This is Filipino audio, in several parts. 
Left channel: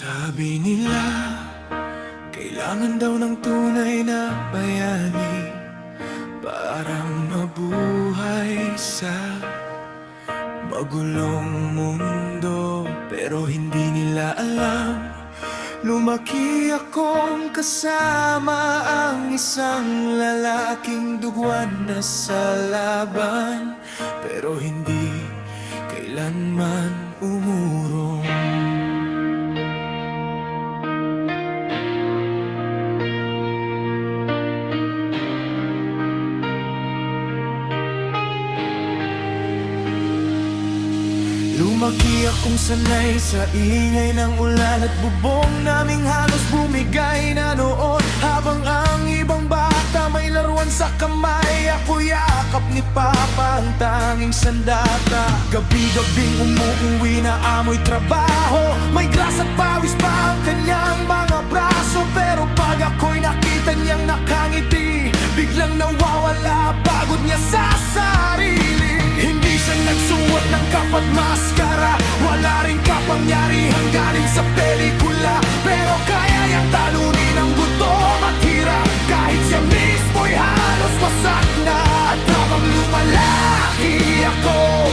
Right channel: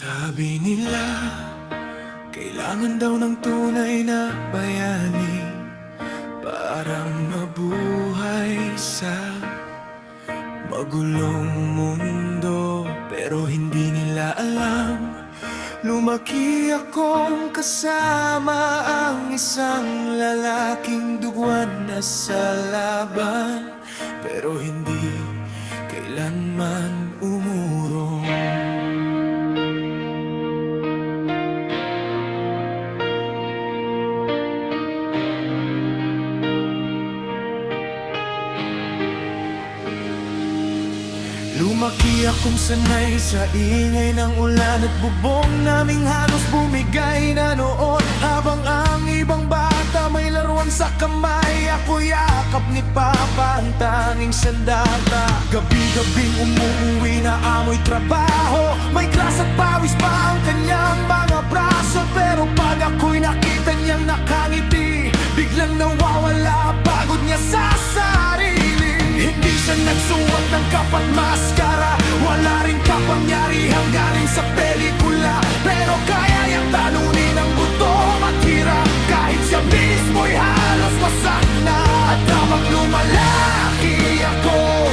Sabi nila, kailangan daw ng tunay na bayani para mabuhay sa magulong mundo. Pero hindi nila alam, lumaki akong kasama ang isang lalaking duguan na sa laban, pero hindi kailanman umurong. Lumaki akong sanay sa ingay ng ulan at bubong naming halos bumigay na noon. Habang ang ibang bata may laruan sa kamay, ako yakap ni Papa ang tanging sandata. Gabi-gabing umuuwi na amoy trabaho, may gras at pawis pa ang kanyang mga braso. Pero pag ako'y nakita niyang nakangiti, biglang nawawala pagod niya sa sarili. Hindi siya nagsuot ng kapat maskara, wala ring kapangyarihang galing sa pelikula, pero kaya yang talunin ang gutom at hirap, kahit siya mismo'y halos wasak na. At habang lumalaki ako,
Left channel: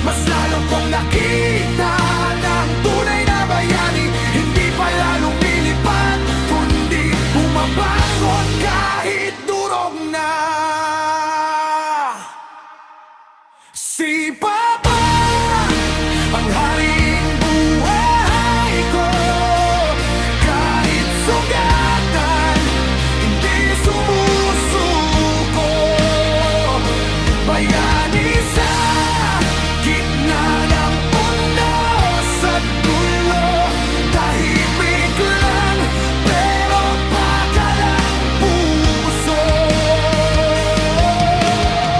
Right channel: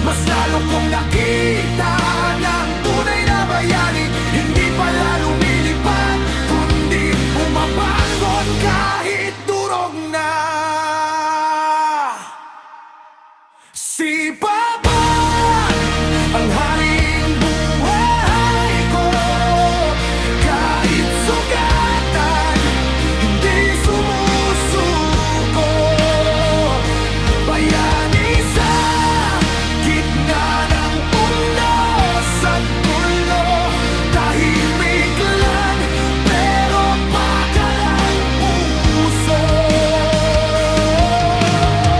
mas lalo kong nakita na ang tunay na bayani hindi pala lumilipad, kundi bumabangon kahit durog na. Si Papa, ang haring buhay ko, kahit sugatan, hindi sumusuko. Bayani sa gitna ng undos at gulo, tahimik lang pero pakalang puso.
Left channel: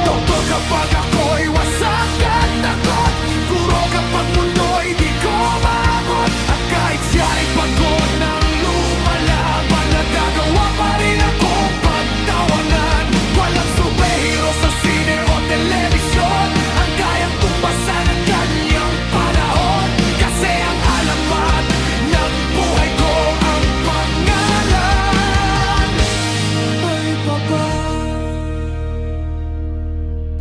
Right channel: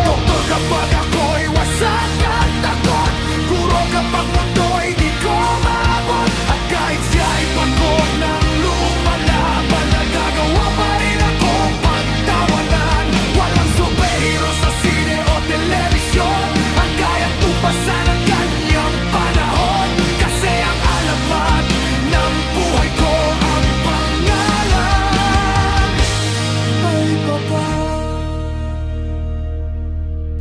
Doktor kapag ako'y wasak at takot, guro kapag mundo'y di ko maabot. At kahit siya'y pagod ng lumalaban, nagagawa pa rin akong pagtawanan. Walang superhero sa sine o telebisyon ang kayang tumbasan ng kanyang panahon, kasi ang alamat ng buhay ko, ang pangalan ay Papa.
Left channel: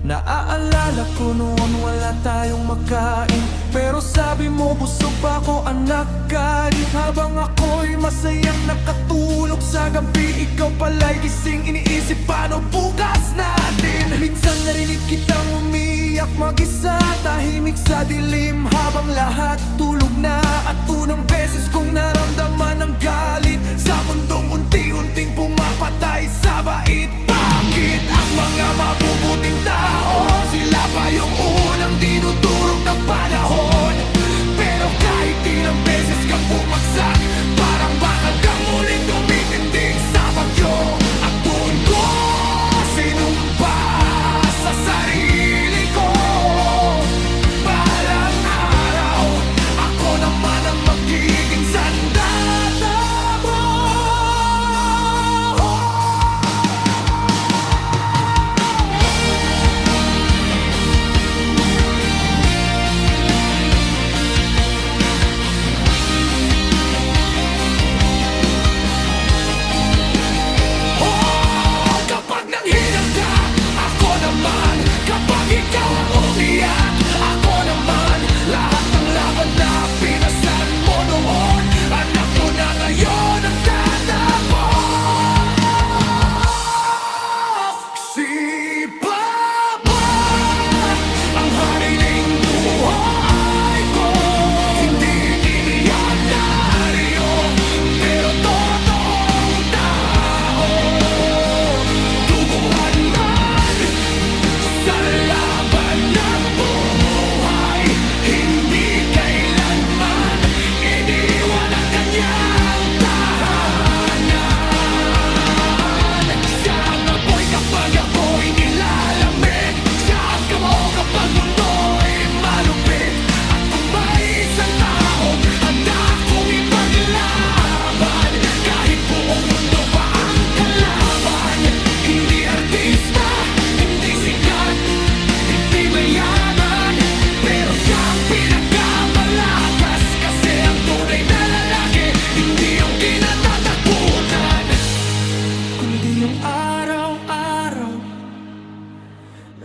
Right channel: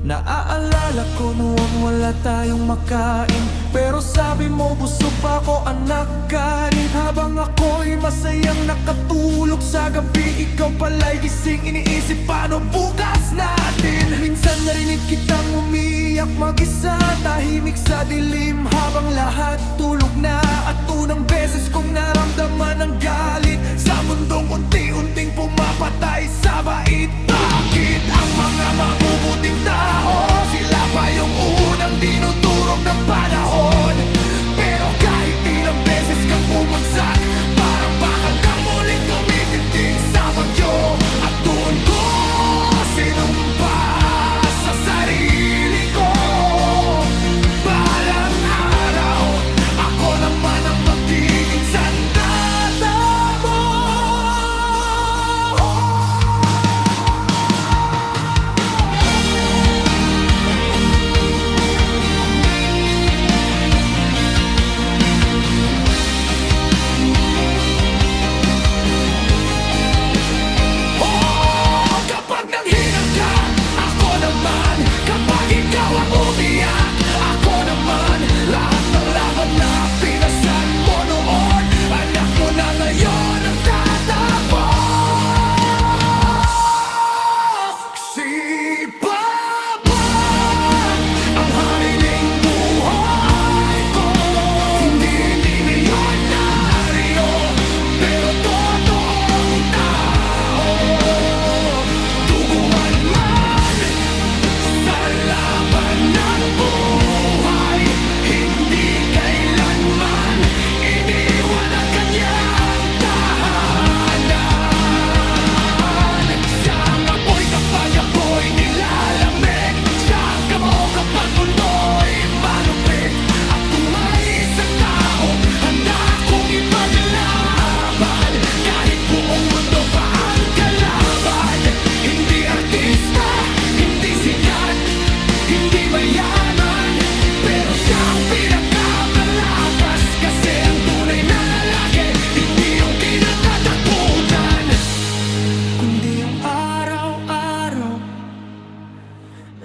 Naaalala ko noon wala tayong makain, pero sabi mo busog pa ako anak kanin. Habang ako'y masayang nakatulog sa gabi, ikaw pala'y gising iniisip paano bukas natin. Minsan narinig kitang umiyak mag-isa, tahimik sa dilim habang lahat tulog na. At unang beses kong naramdaman ang galit sa mundong unti-unting pumapatay sa bait. Bakit ang mga mabubuting tao, sila pa yung unang dinudurog ng panahon? Pero kahit ilang beses kang bumagsak, parang bakal kang muling tumitindig sa bagyo. At doon ko sinumpa sa sarili ko, balang araw ako naman ang magiging sandata mo.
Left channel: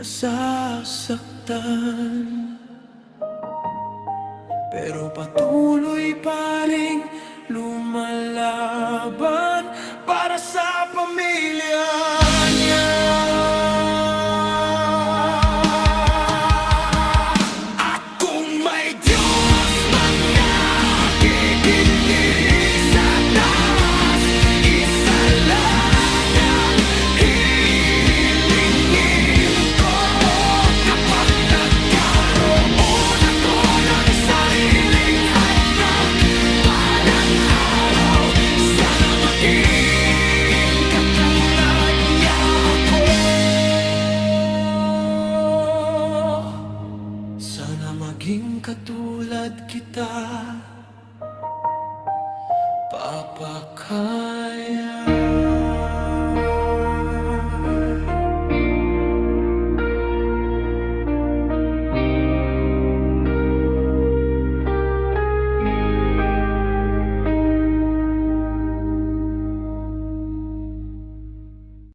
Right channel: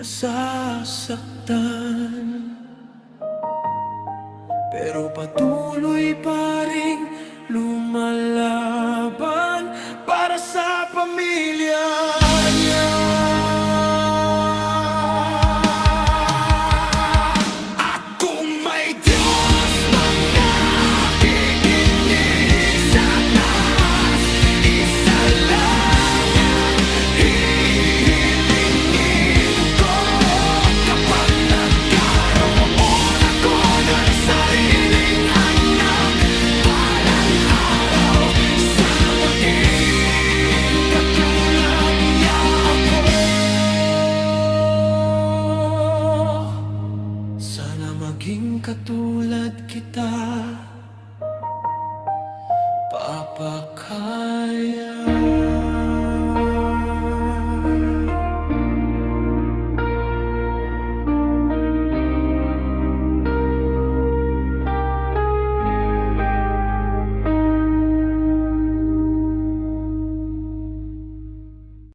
nasasaktan. Pero patuloy pa ring lumalaban para sa pamilya niya. At kung may Diyos mang nakikinig sa taas, isa lang ang hihilingin ko. Kapag nagkaroon ako ng sariling anak, balang araw, sana maging katulad niya ako. Sana maging katulad kita, Papa Kaya.